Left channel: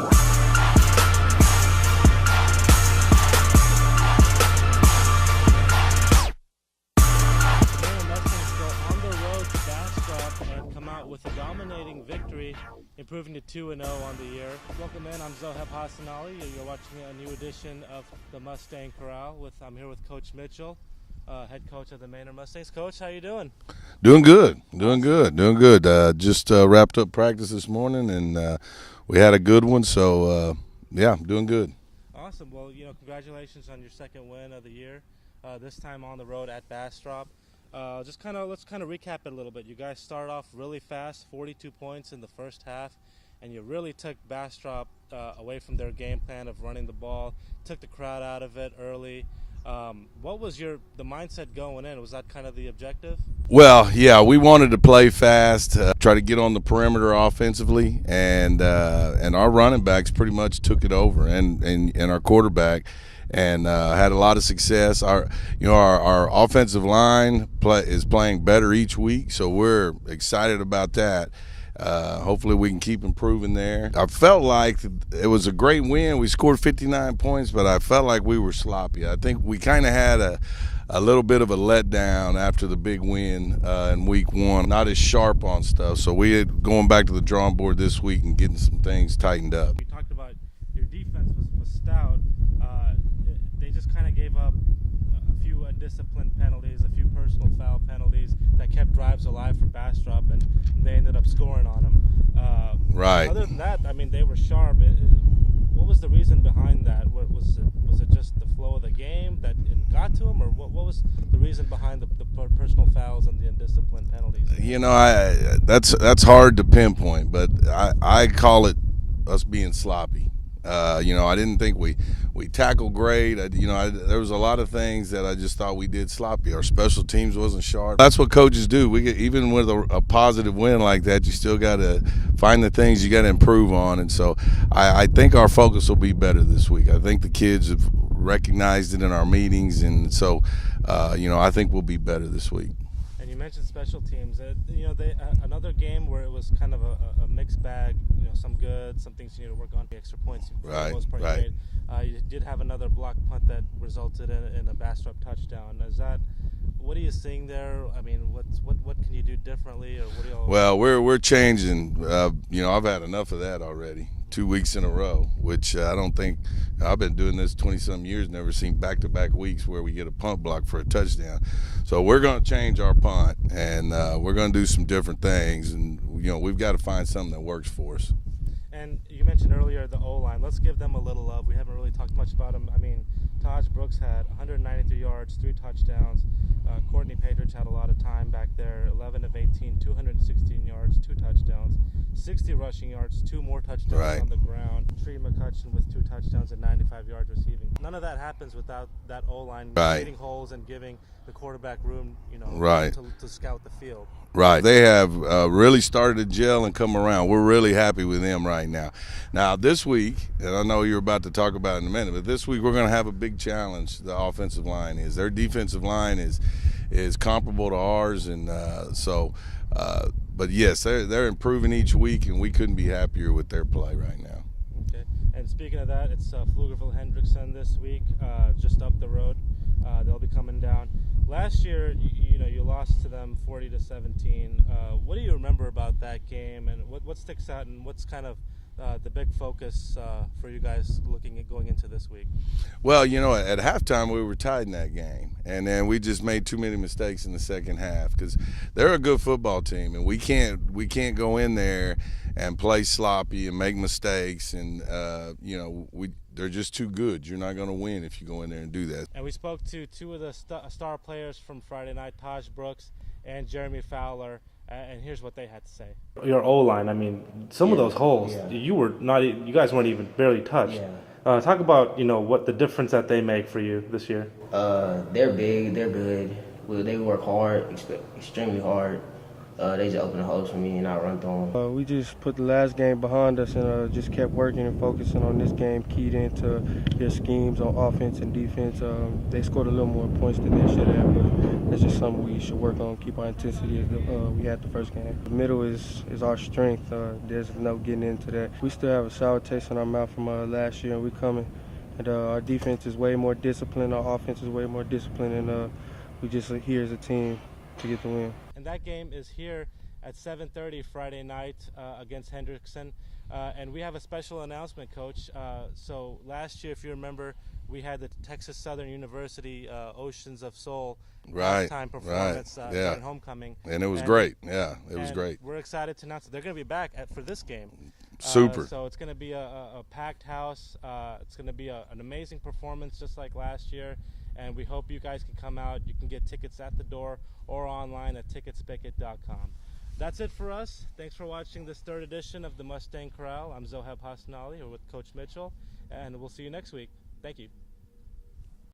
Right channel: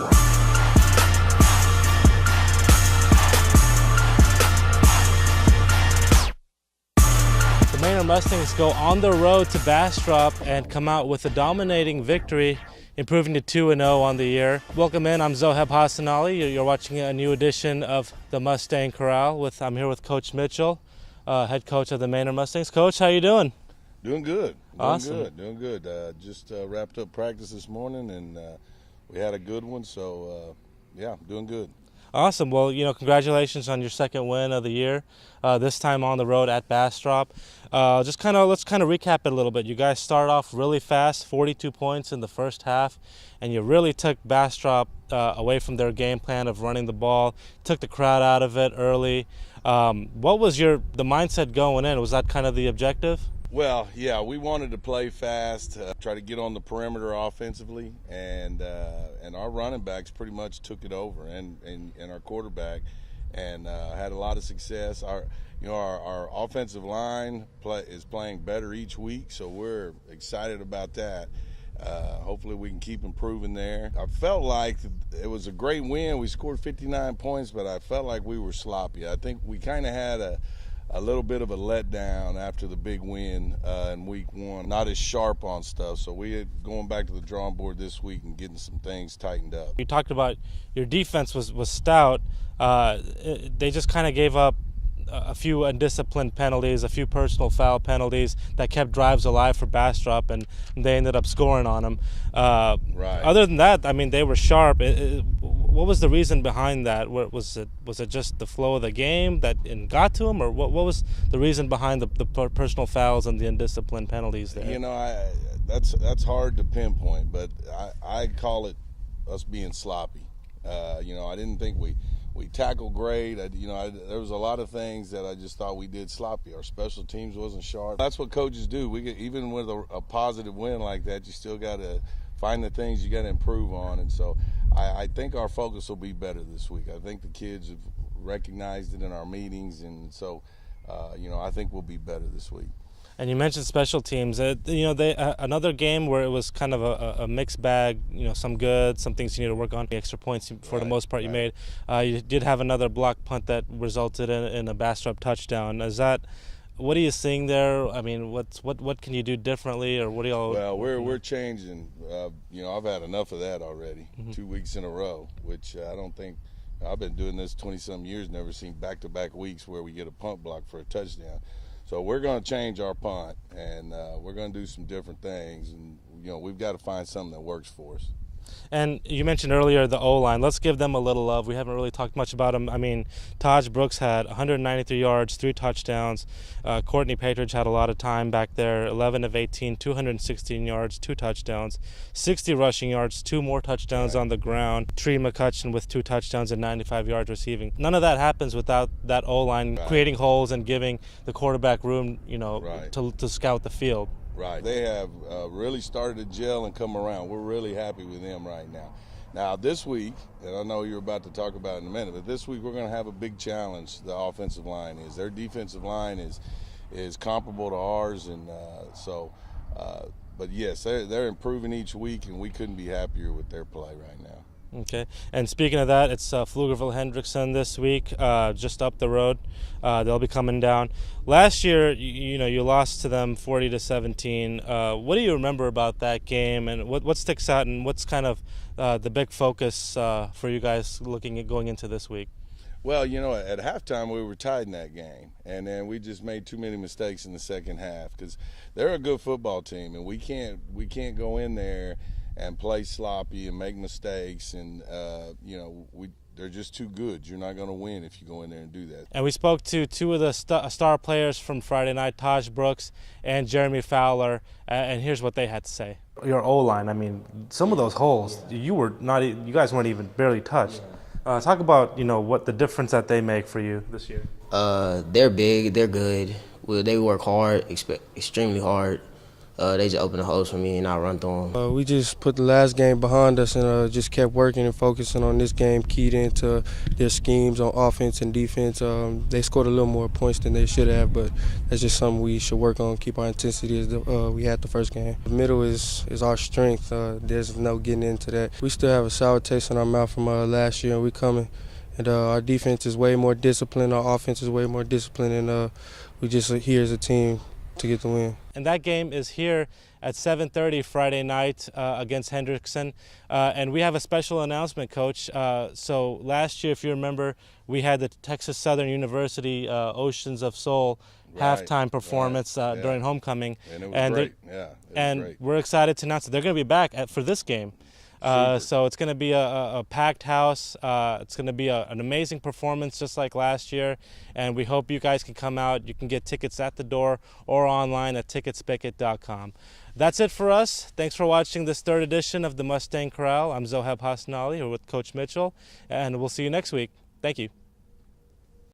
The Manor Mustangs go on the road to Bastrop and come out with a dominating victory, improving to 2-0 on the year. Welcome in, I'm Zoheb Hassanali. You're watching a new edition of the Mustang Corral. I'm here with Coach Mitchell, head coach of the Manor Mustangs. Coach, how you doing? Doing good, Awesome. doing good. Just wrapped up practice this morning, and we had a good one. So yeah, doing good. Awesome. Well, congratulations on your second win of the year. This time on the road at Bastrop. Let's kind of recap it a little bit. You guys started off really fast, 42 points in the first half, and you really took Bastrop away from their game plan of running the ball, took the crowd out of it early. What was the mindset going in? Was that kind of the objective? Well, yeah, we wanted to play fast, try to get on the perimeter offensively, and our running backs pretty much took it over, and our quarterback, and had a lot of success. Our offensive line is playing better each week, so we're excited about that. Hopefully we can keep improving there. I felt like it was a great win. We scored 59 points, but I felt like we were sloppy. I think we kind of had a little bit of a letdown after the big win in week one. Not as sharp on stuff. So we're going back to the drawing board this week and getting some things tightened up. You talked about your defense was stout. They just kind of gave up a few undisciplined penalties, a few personal foul penalties that kept drives alive for Bastrop, and they ended up scoring on them. Right. Other than that, I mean, they were sharp. What was the reason behind that? Was it just the flow of the game that got to them, or what was the reason behind the personal fouls and the undisciplined penalties there? That's hard to pinpoint, but I call it us being sloppy. I didn't think we tackled great. There was a lot of things that I just thought we did sloppy. Our special teams wasn't sharp. That's what coaches do. Even with a positive win like that, you still got to find the things you got to improve on. And so I think our focus will be better this week. I think the kids have recognized it in our meetings, and so I think we'll be better this week. And you mentioned special teams. Another game where it was kind of a mixed bag. Some good, some things you need to work on. The extra points for the most part you made. You did have another block punt that resulted in a Bastrop touchdown. What are you seeing there? I mean, what can you do differently, or what do y'all? Well, we're changing. I've had enough of that already. 2 weeks in a row, which I don't think. I've been doing this 20-some years, never seen back-to-back weeks where we get a punt block for a touchdown. So we're going to change our punt, and we're going to do some different things, and we've got to find something that works for us. And you mentioned earlier the O-line. Let's give them a little love. We haven't really talked much about them. I mean, Tahj Brooks had 193 yards, 3 touchdowns. Courtney Patridge had a lot of time back there, 11 of 18, 216 yards, 2 touchdowns, 60 rushing yards, 2 more touchdowns on the ground. Tree McCutcheon with 2 touchdowns and 95 yards receiving. None of that happens without that O-line creating holes and giving the quarterback room, to scout the field. Right. They have really started to gel and come around. We're really happy with them right now. Now, this week, and I know you're about to talk about it in a minute, but this week we're going to have a big challenge, the offensive line is. Their defensive line is comparable to ours, and but yes, they're improving each week, and we couldn't be happier with their play right now. Okay. And speaking of that, it's Pflugerville Hendrickson this week, just up the road. They'll be coming down. Last year, you lost to them 40-17. What do you remember about that game, and what sticks out, and what's kind of the big focus for you guys looking at going into this week? Well, at halftime we were tied in that game, and then we just made too many mistakes in the second half because they're a good football team, and we can't go in there and play sloppy and make mistakes, and they're just too good. You're not going to win if you go in there and do that. And we spoke to 2 of the star players from Friday night, Tahj Brooks and Jeremy Fowler, and here's what they had to say. Your O-line, I mean, some of those holes, you guys weren't even barely touched. Talk about what the difference that they make for you this year. They're big, they're good. They work hard, extremely hard. They just opened the holes for me and I run through them. We just put the last game behind us and just kept working and focusing on this game, keyed into their schemes on offense and defense. They scored a little more points than they should have, but that's just something we should work on, keep our intensity as we had the first game. The middle is our strength. There's no getting into that. We still have a sour taste in our mouth from last year, and we're coming. And our defense is way more disciplined, our offense is way more disciplined, and we just here as a team to get the win. And that game is here at 7:30 Friday night against Hendrickson. And we have a special announcement, Coach. So last year, if you remember, we had the Texas Southern University Oceans of Soul halftime performance during homecoming. And it was great. It was great. We're excited to announce that they're going to be back for this game. So it's going to be a packed house. It's going to be an amazing performance just like last year. And we hope you guys can come out. You can get tickets at the door or online at ticketspicket.com. That's it for us. Thanks for watching this third edition of the Mustang Corral. I'm Zoheb Hassanali here with Coach Mitchell, and we'll see you next week. Thank you.